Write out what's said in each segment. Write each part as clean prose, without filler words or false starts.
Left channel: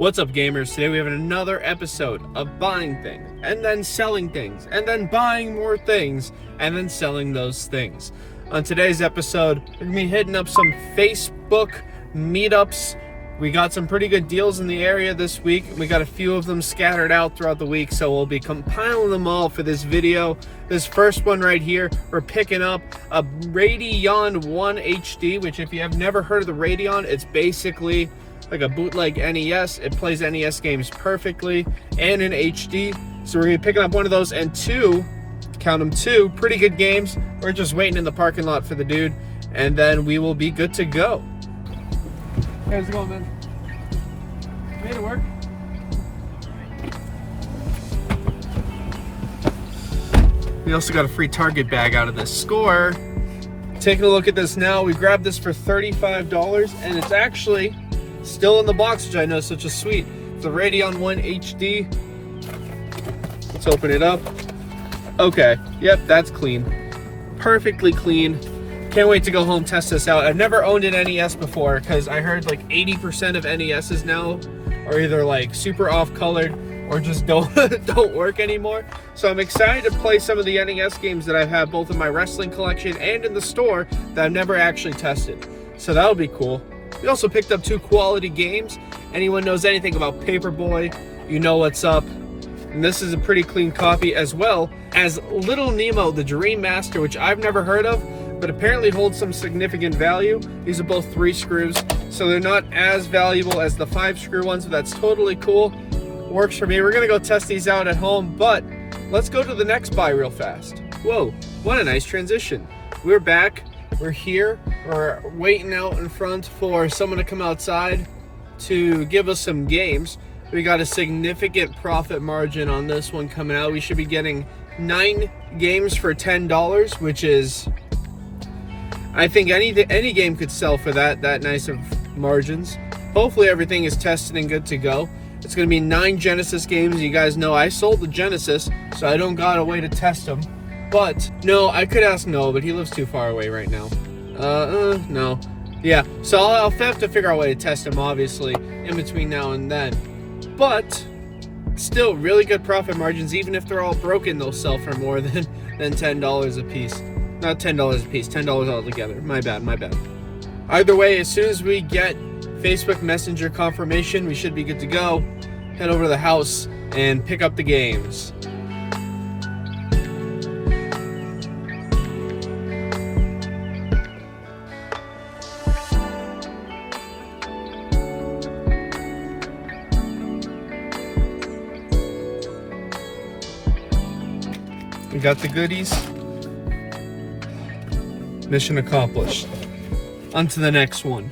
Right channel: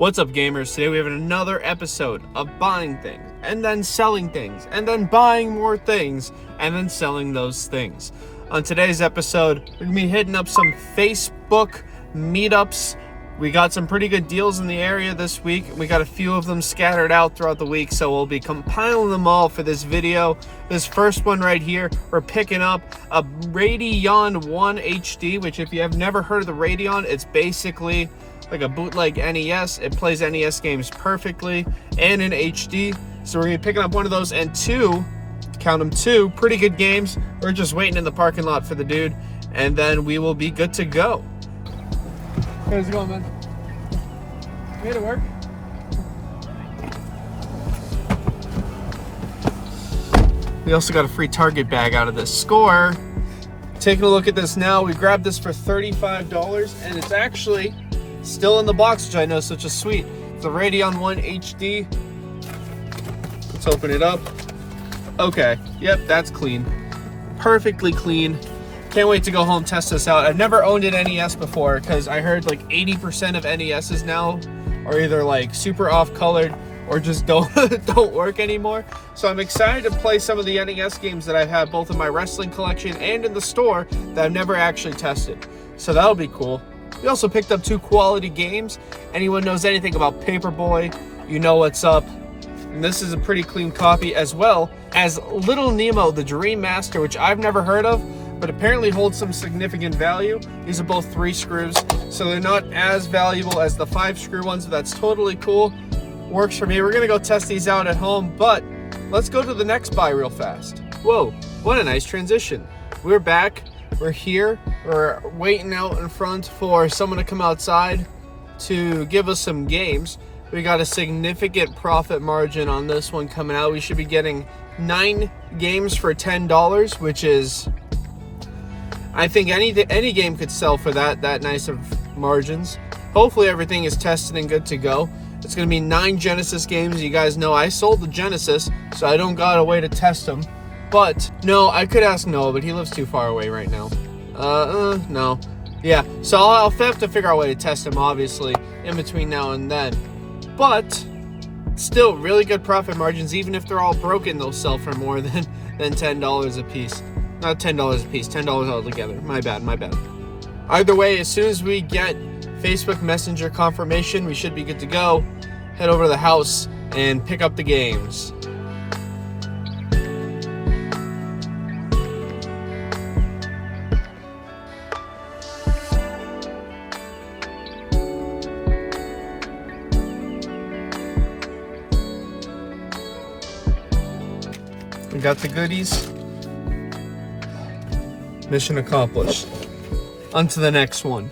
What's up, gamers? Today we have another episode of buying things and then selling things and then buying more things and then selling those things. On today's episode, we're gonna be hitting up some Facebook meetups. We got some pretty good deals in the area this week. We got a few of them scattered out throughout the week, so we'll be compiling them all for this video. This first one right here, we're picking up a Radeon 1 HD, which if you have never heard of the Radeon, it's basically like a bootleg NES. It plays NES games perfectly and in HD. So we're gonna be picking up one of those and two, count them, two pretty good games. We're just waiting in the parking lot for the dude, and then we will be good to go. How's it going, man? Made it work. We also got a free Target bag out of this score. Taking a look at this now, we grabbed this for $35, and it's actually still in the box, which I know is such a sweet. It's the Radeon 1 HD. Let's open it up. Okay, yep, that's clean. Perfectly clean. Can't wait to go home, test this out. I've never owned an NES before because I heard like 80% of NESs now are either like super off-colored or just don't work anymore. So I'm excited to play some of the NES games that I've had both in my wrestling collection and in the store that I've never actually tested. So that'll be cool. We also picked up two quality games. Anyone knows anything about Paperboy, you know what's up. And this is a pretty clean copy, as well as Little Nemo, the Dream Master, which I've never heard of, but apparently holds some significant value. These are both 3 screws, so they're not as valuable as the 5 screw ones, so that's totally cool. Works for me. We're gonna go test these out at home, but let's go to the next buy real fast. Whoa, what a nice transition. We're back, we're here, we're waiting out in front for someone to come outside to give us some games. We got a significant profit margin on this one coming out. We should be getting 9 games for $10, which is, I think any game could sell for that nice of margins. Hopefully everything is tested and good to go. It's going to be 9 Genesis games. You guys know I sold the Genesis, so I don't got a way to test them. But no, I could ask Noah, but he lives too far away right now. No. Yeah, so I'll have to figure out a way to test him, obviously, in between now and then. But still, really good profit margins. Even if they're all broken, they'll sell for more than $10 a piece. Not $10 a piece, $10 altogether. My bad. Either way, as soon as we get Facebook Messenger confirmation, we should be good to go. Head over to the house and pick up the games. We got the goodies. Mission accomplished. On to the next one.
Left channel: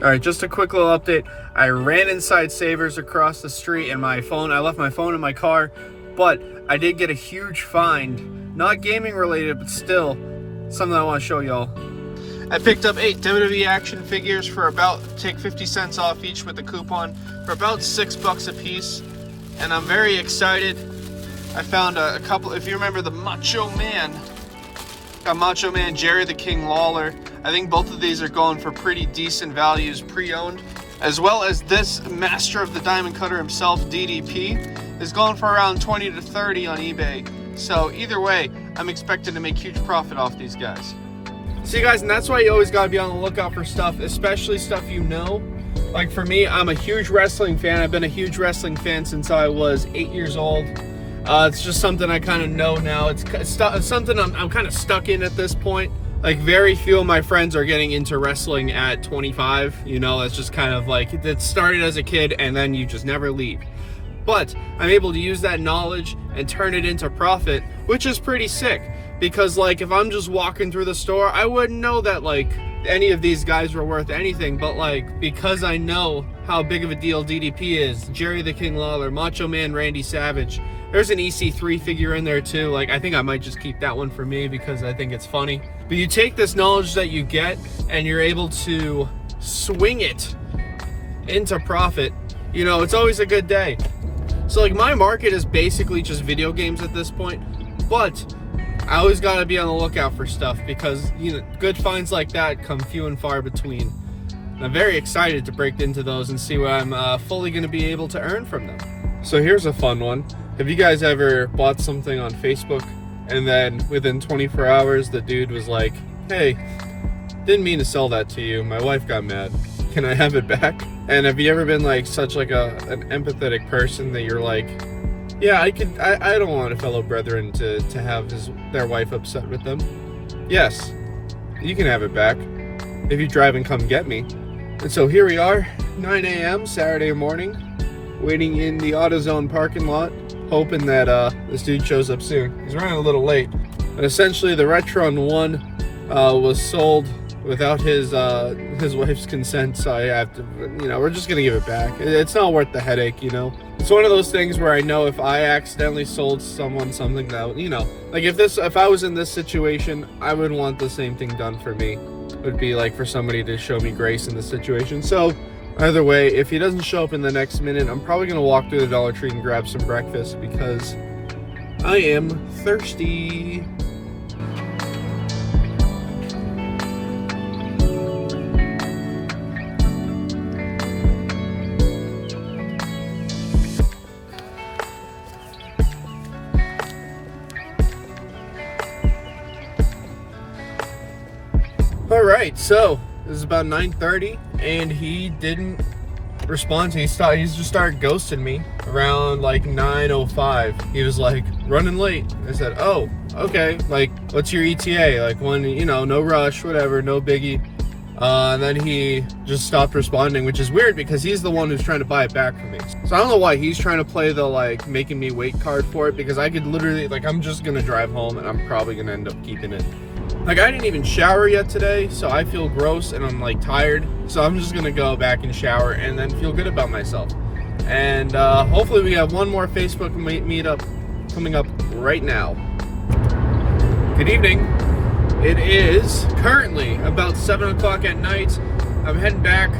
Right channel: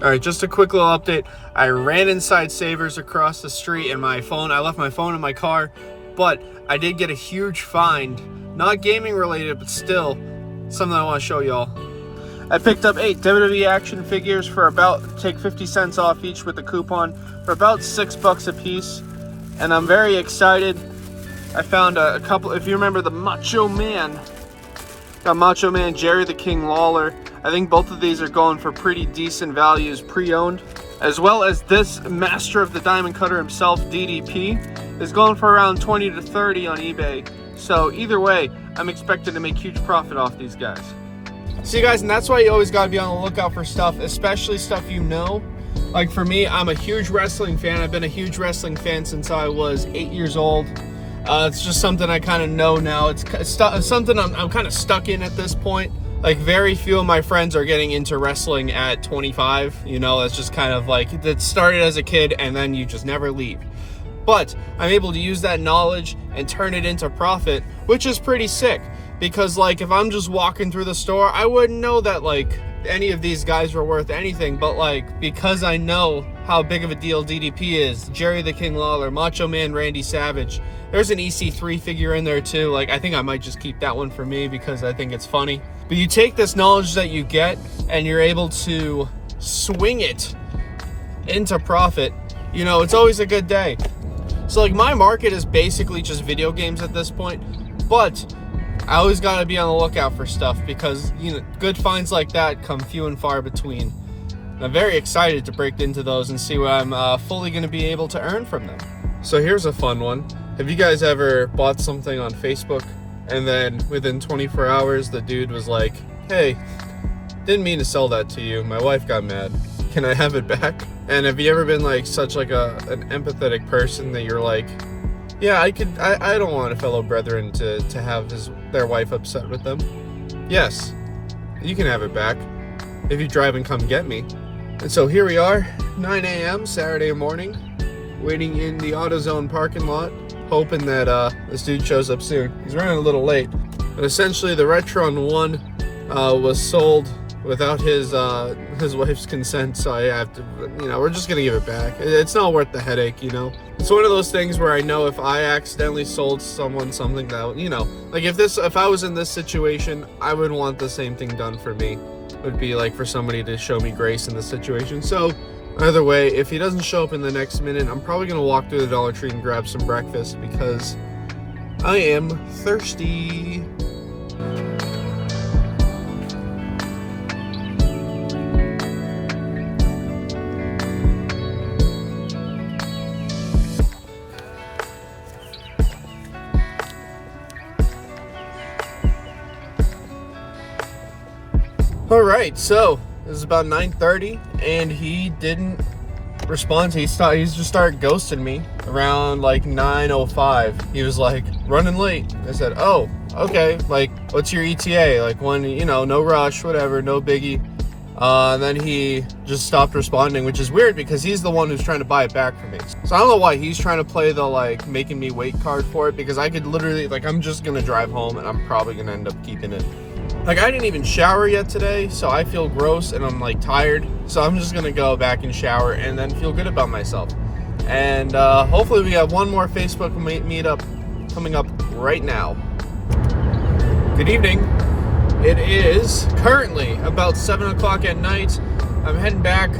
Alright, just a quick little update. I ran inside Savers across the street and I left my phone in my car, but I did get a huge find. Not gaming related, but still something I want to show y'all. I picked up 8 WWE action figures for take 50 cents off each with the coupon, for about $6 a piece, and I'm very excited. I found a couple, if you remember the Macho Man, got Macho Man, Jerry the King Lawler. I think both of these are going for pretty decent values pre-owned, as well as this Master of the Diamond Cutter himself, DDP, is going for around 20 to 30 on eBay. So either way, I'm expecting to make huge profit off these guys. See guys, and that's why you always gotta be on the lookout for stuff, especially stuff you know. Like for me, I'm a huge wrestling fan. I've been a huge wrestling fan since I was 8 years old. It's just something I kind of know now. It's something I'm kind of stuck in at this point. Like very few of my friends are getting into wrestling at 25. You know, it's just kind of like, it started as a kid and then you just never leave. But I'm able to use that knowledge and turn it into profit, which is pretty sick. Because like if I'm just walking through the store, I wouldn't know that like any of these guys were worth anything, but like because I know how big of a deal DDP is, Jerry the King Lawler, Macho Man Randy Savage, there's an EC3 figure in there too. Like I think I might just keep that one for me because I think it's funny. But you take this knowledge that you get and you're able to swing it into profit, you know, it's always a good day. So like my market is basically just video games at this point, but I always gotta be on the lookout for stuff because, you know, good finds like that come few and far between. And I'm very excited to break into those and see what I'm fully gonna be able to earn from them. So here's a fun one. Have you guys ever bought something on Facebook and then within 24 hours the dude was like, hey, didn't mean to sell that to you, my wife got mad, can I have it back? And have you ever been like such like an empathetic person that you're like, yeah, I don't want a fellow brethren to have their wife upset with them. Yes, you can have it back if you drive and come get me. And so here we are, 9 a.m. Saturday morning, waiting in the AutoZone parking lot, hoping that this dude shows up soon. He's running a little late. But essentially the Retron 1 was sold without his wife's consent, so I have to, you know, we're just gonna give it back. It's not worth the headache, you know. It's one of those things where I know if I accidentally sold someone something that, you know, like if I was in this situation, I would want the same thing done for me. It would be like for somebody to show me grace in this situation. So either way, if he doesn't show up in the next minute, I'm probably gonna walk through the Dollar Tree and grab some breakfast because I am thirsty. All right, so it was about 9:30 and he didn't respond. He just started ghosting me around like 9:05. He was like, running late. I said, oh, okay, like what's your ETA? Like when, you know, no rush, whatever, no biggie. And then he just stopped responding, which is weird because he's the one who's trying to buy it back from me. So I don't know why he's trying to play the like making me wait card for it, because I could literally, like, I'm just gonna drive home and I'm probably gonna end up keeping it. Like, I didn't even shower yet today, so I feel gross and I'm like tired. So I'm just gonna go back and shower and then feel good about myself. And hopefully we have one more Facebook meetup coming up right now. Good evening. It is currently about 7 o'clock at night. I'm heading back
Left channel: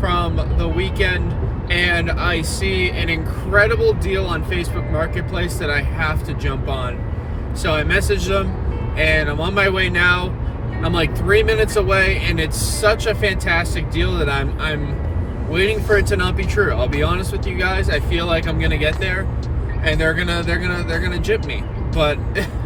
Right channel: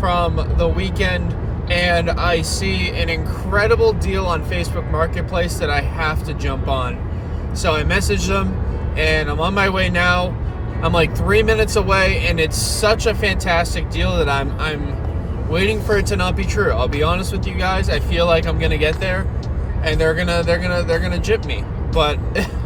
from the weekend and I see an incredible deal on Facebook Marketplace that I have to jump on. So I messaged them and I'm on my way now. I'm like 3 minutes away and it's such a fantastic deal that I'm waiting for it to not be true. I'll be honest with you guys, I feel like I'm gonna get there and they're gonna jip me. But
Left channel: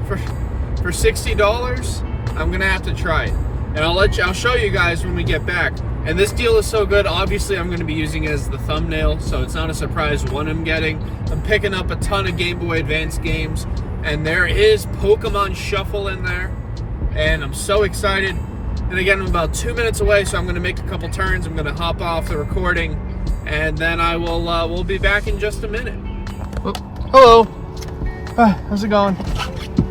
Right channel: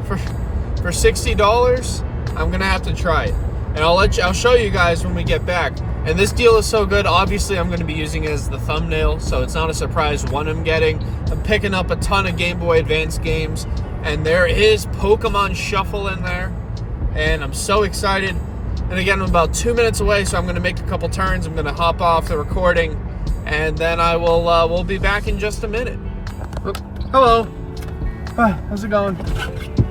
for $60, I'm gonna have to try it. And I'll show you guys when we get back. And this deal is so good, obviously I'm gonna be using it as the thumbnail, so it's not a surprise what I'm getting. I'm picking up a ton of Game Boy Advance games, and there is Pokemon Shuffle in there, and I'm so excited. And again, I'm about 2 minutes away, so I'm gonna make a couple turns. I'm gonna hop off the recording, and then I will we'll be back in just a minute. Oh, hello. How's it going?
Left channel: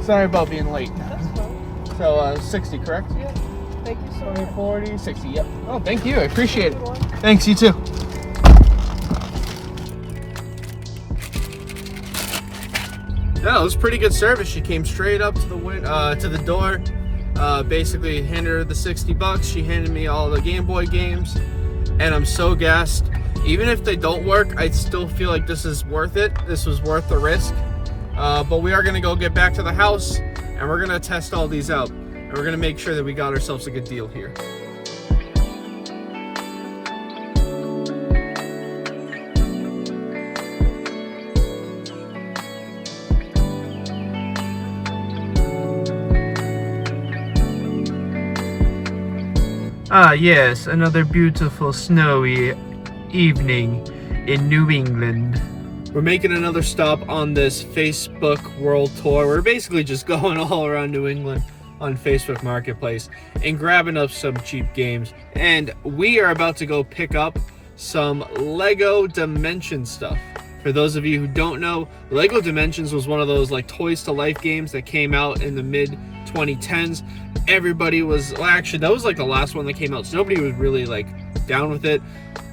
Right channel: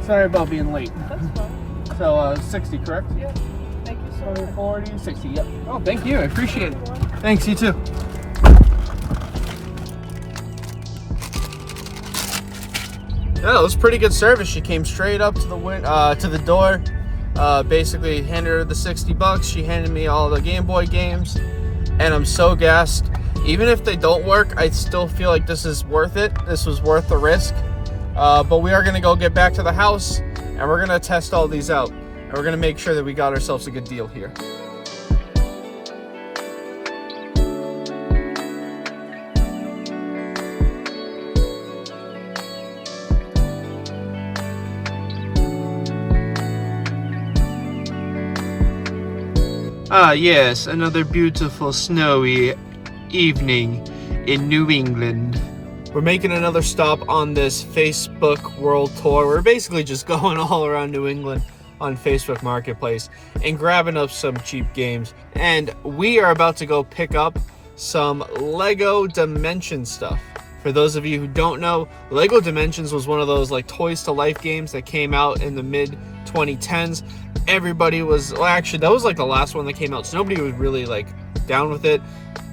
Sorry about being late. So 60, correct? Yeah. Thank you so much. 40, 60, yep. Oh, thank you. I appreciate it. Thanks, you too. No, it was pretty good service. She came straight up to the door. Basically handed her the $60. She handed me all the Game Boy games, and I'm so gassed. Even if they don't work, I still feel like this is worth it. This was worth the risk. But we are gonna go get back to the house, and we're gonna test all these out, and we're gonna make sure that we got ourselves a good deal here. Ah yes, another beautiful snowy evening in New England. We're making another stop on this Facebook World Tour. We're basically just going all around New England on Facebook Marketplace and grabbing up some cheap games. And we are about to go pick up some Lego Dimensions stuff. For those of you who don't know, Lego Dimensions was one of those like Toys to Life games that came out in the mid 2010s. Everybody was, well, actually that was like the last one that came out, so nobody was really like down with it.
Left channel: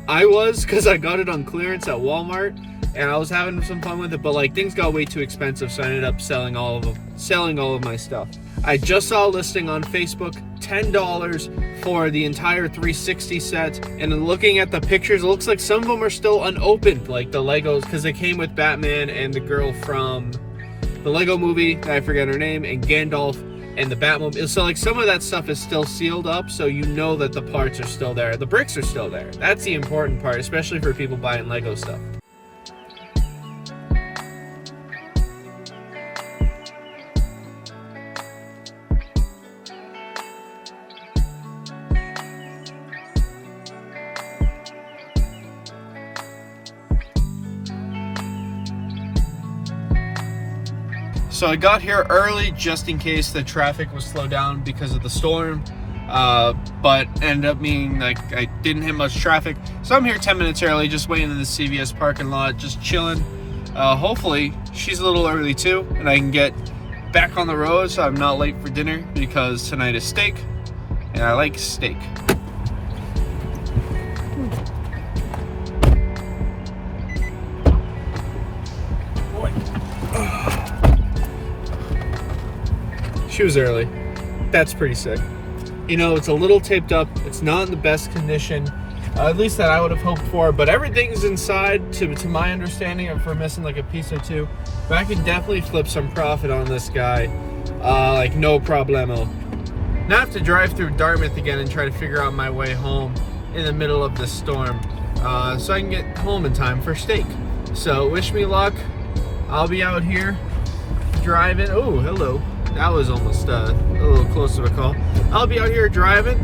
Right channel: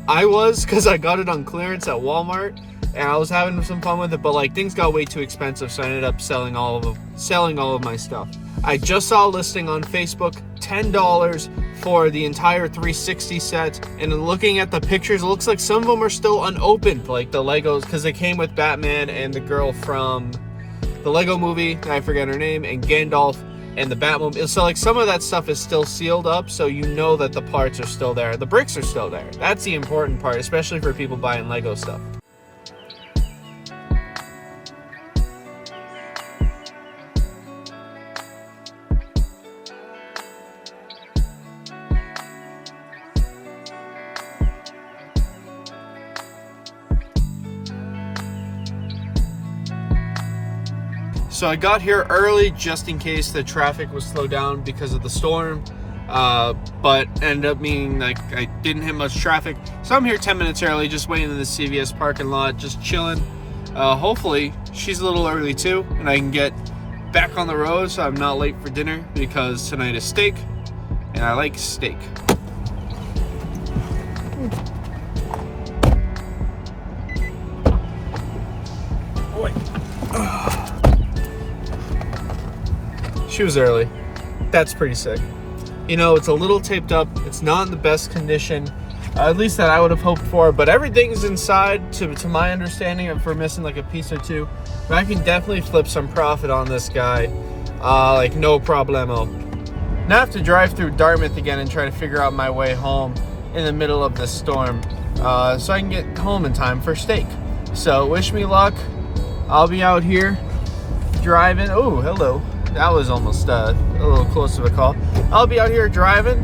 I was, because I got it on clearance at Walmart and I was having some fun with it, but like things got way too expensive, so I ended up selling all of my stuff. I just saw a listing on Facebook, $10 for the entire 360 set, and then looking at the pictures, it looks like some of them are still unopened, like the Legos, because they came with Batman and the girl from the Lego Movie, I forget her name, and Gandalf and the Batmobile. So like some of that stuff is still sealed up, so you know that the parts are still there. The bricks are still there. That's the important part, especially for people buying Lego stuff. So I got here early just in case the traffic was slowed down because of the storm, but ended up meaning like I didn't hit much traffic. So I'm here 10 minutes early, just waiting in the CVS parking lot, just chilling. Hopefully she's a little early too, and I can get back on the road so I'm not late for dinner, because tonight is steak, and I like steak. She was early. That's pretty sick. You know, it's a little taped up. It's not in the best condition, at least that I would have hoped for, but everything's inside to my understanding, and for missing like a piece or two. But I can definitely flip some profit on this guy, like no problemo. Now I have to drive through Dartmouth again and try to figure out my way home in the middle of this storm, so I can get home in time for steak. So wish me luck. I'll be out here driving. Oh, hello. That was almost a little close to a call. I'll be out here driving.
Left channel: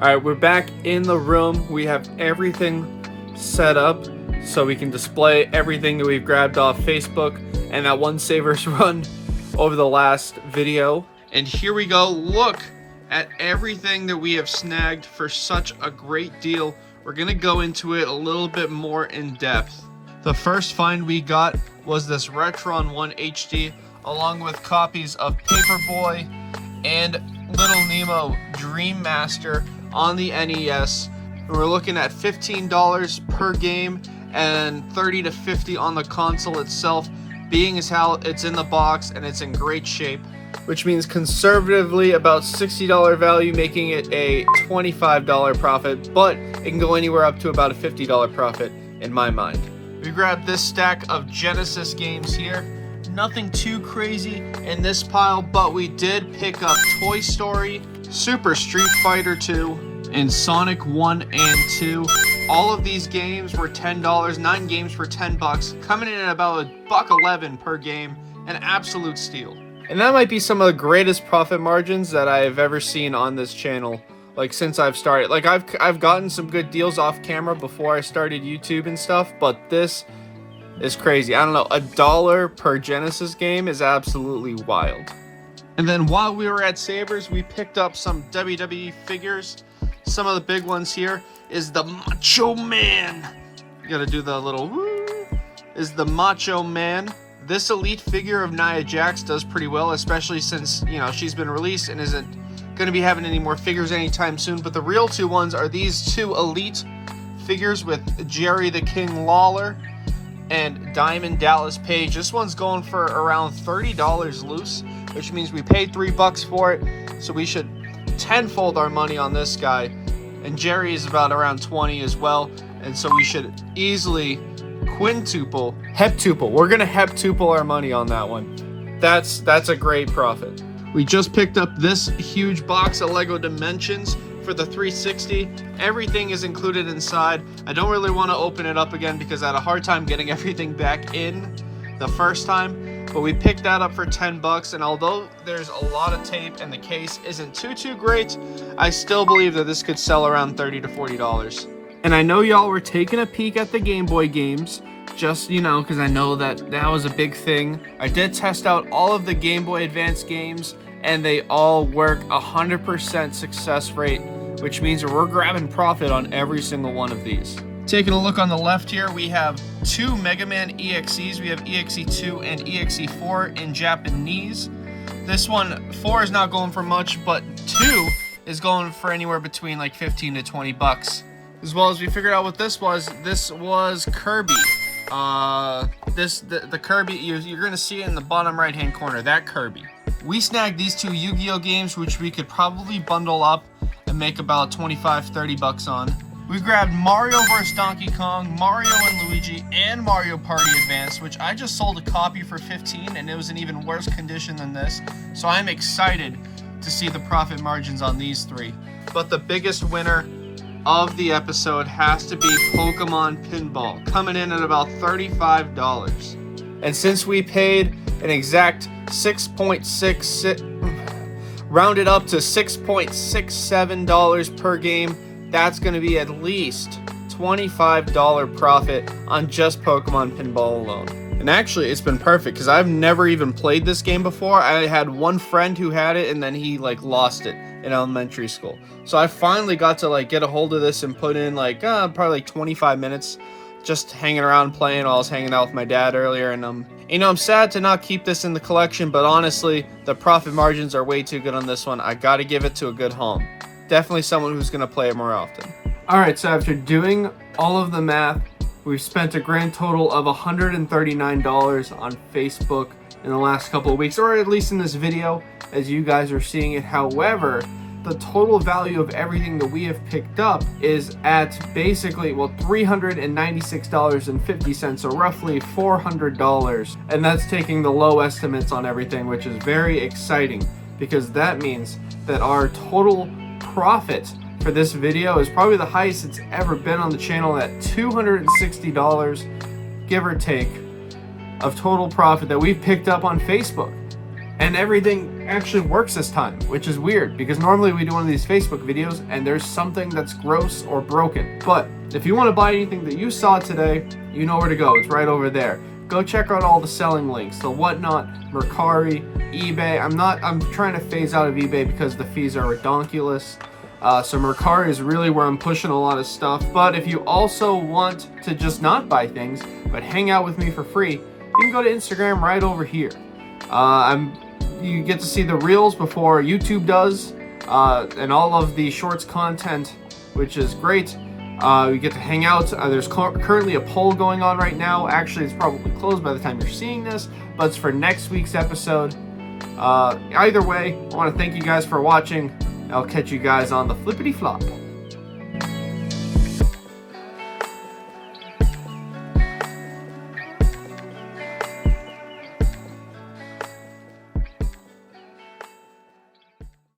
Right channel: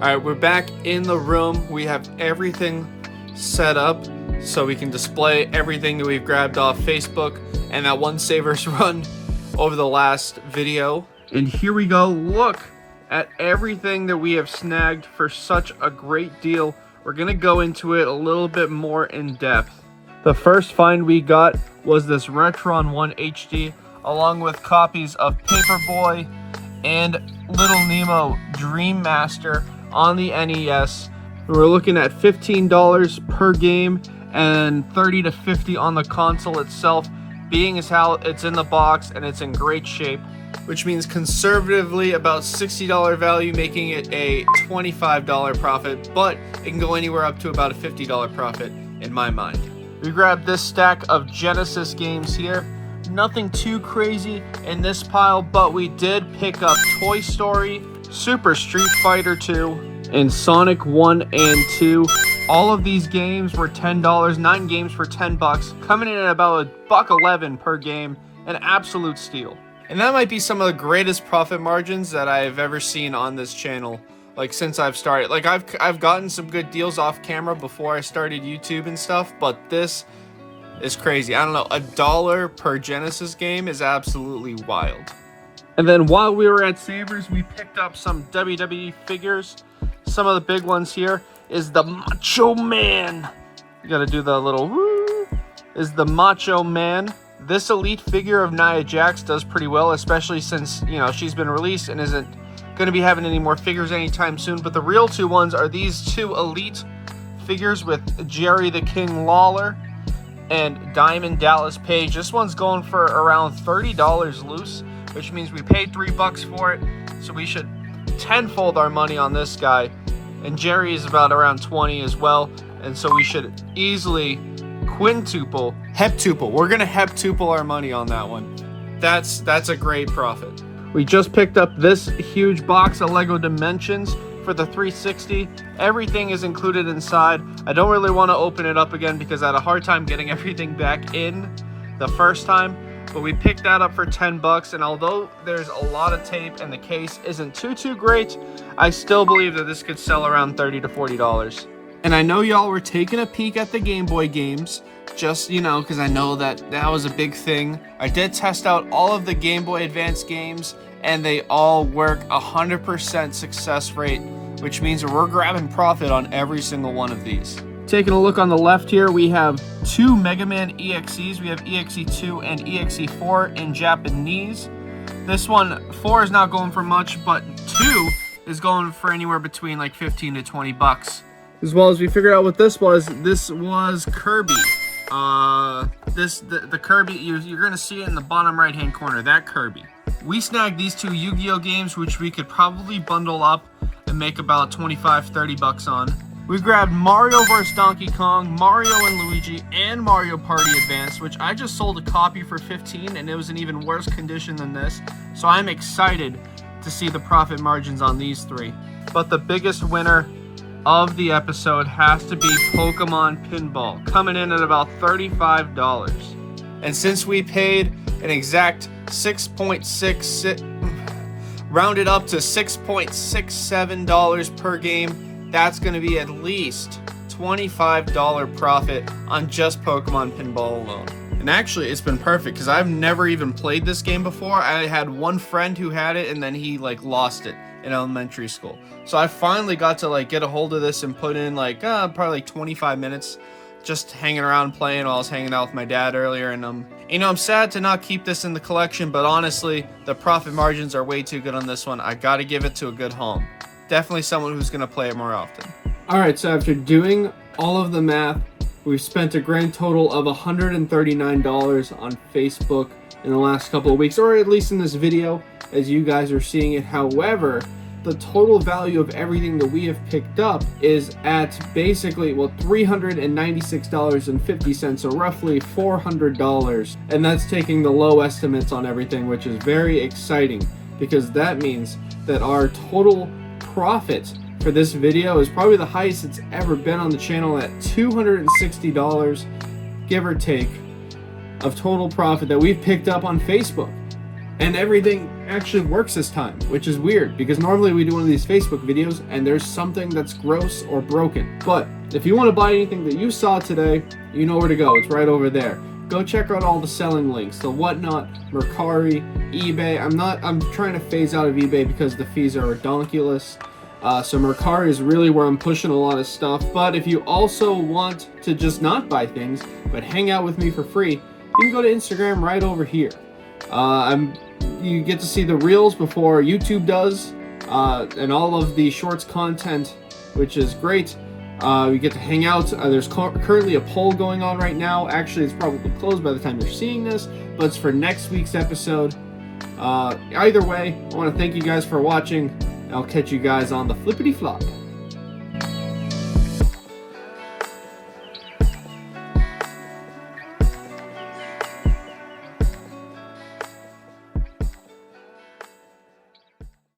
All right, we're back in the room. We have everything set up so we can display everything that we've grabbed off Facebook and that one Savers run over the last video. And here we go. Look at everything that we have snagged for such a great deal. We're gonna go into it a little bit more in depth. The first find we got was this Retron 1 HD, along with copies of Paperboy and Little Nemo Dream Master on the NES. We're looking at $15 per game and $30 to $50 on the console itself, being as how it's in the box and it's in great shape, which means conservatively about $60 value, making it a $25 profit, but it can go anywhere up to about a $50 profit in my mind. We grabbed this stack of Genesis games here. Nothing too crazy in this pile, but we did pick up Toy Story, Super Street Fighter 2, and Sonic 1 and 2. All of these games were $10, 9 games for $10, coming in at about $1.11 per game, an absolute steal. And that might be some of the greatest profit margins that I've ever seen on this channel, like since I've started. Like I've gotten some good deals off camera before I started YouTube and stuff, but this is crazy. I don't know, $1 per Genesis game is absolutely wild. And then while we were at Savers, we picked up some WWE figures. Some of the big ones here is the Macho Man. You gotta do the little woo. Is the Macho Man. This elite figure of Nia Jax does pretty well, especially since, you know, she's been released and isn't gonna be having any more figures anytime soon. But the real two ones are these two elite figures with Jerry the King Lawler and Diamond Dallas Page. This one's going for around $30 loose, which means we paid $3 for it, so we should tenfold our money on this guy. And Jerry is about around 20 as well, and so we should easily heptuple. We're gonna heptuple our money on that one. That's a great profit. We just picked up this huge box of Lego Dimensions for the 360. Everything is included inside. I don't really want to open it up again because I had a hard time getting everything back in the first time, but we picked that up for $10, and although there's a lot of tape and the case isn't too great, I still believe that this could sell around $30 to $40. And I know y'all were taking a peek at the Game Boy games, just, you know, because I know that was a big thing. I did test out all of the Game Boy Advance games, and they all work 100% success rate, which means we're grabbing profit on every single one of these. Taking a look on the left here, we have 2 Mega Man EXEs. We have EXE2 and EXE4 in Japanese. This one, 4 is not going for much, but 2 is going for anywhere between like $15 to $20. As well as we figured out what this was Kirby. The Kirby, you're gonna see it in the bottom right hand corner, that Kirby. We snagged these 2 Yu-Gi-Oh games, which we could probably bundle up and make about $25 to $30 on. We grabbed Mario vs. Donkey Kong, Mario and Luigi, and Mario Party Advance, which I just sold a copy for $15, and it was in even worse condition than this. So I'm excited to see the profit margins on these three. But the biggest winner of the episode has to be Pokemon Pinball, coming in at about $35. And since we paid an exact 6.66, rounded up to $6.67 per game, that's going to be at least $25 profit on just Pokemon Pinball alone. And actually, it's been perfect because I've never even played this game before. I had one friend who had it, and then he lost it in elementary school. So I finally got to get a hold of this and put in probably 25 minutes just hanging around playing while I was hanging out with my dad earlier. And I'm sad to not keep this in the collection, but honestly, the profit margins are way too good on this one. I got to give it to a good home. Definitely someone who's going to play it more often. All right, so after doing all of the math, we've spent a grand total of $139 on Facebook in the last couple of weeks, or at least in this video, as you guys are seeing it. However, the total value of everything that we have picked up is at basically, $396.50, so roughly $400. And that's taking the low estimates on everything, which is very exciting, because that means that our total profit for this video is probably the highest it's ever been on the channel, at $260, give or take, of total profit that we've picked up on Facebook. And everything actually works this time, which is weird, because normally we do one of these Facebook videos and there's something that's gross or broken. But if you want to buy anything that you saw today, you know where to go. It's right over there. Go check out all the selling links, the Whatnot, Mercari, eBay. I'm trying to phase out of eBay because the fees are redonkulous. So Mercari is really where I'm pushing a lot of stuff. But if you also want to just not buy things, but hang out with me for free, you can go to Instagram right over here. You get to see the reels before YouTube does, and all of the shorts content, which is great. You get to hang out. There's currently a poll going on right now. Actually, it's probably closed by the time you're seeing this, but it's for next week's episode. Either way, I want to thank you guys for watching. I'll catch you guys on the flippity flop.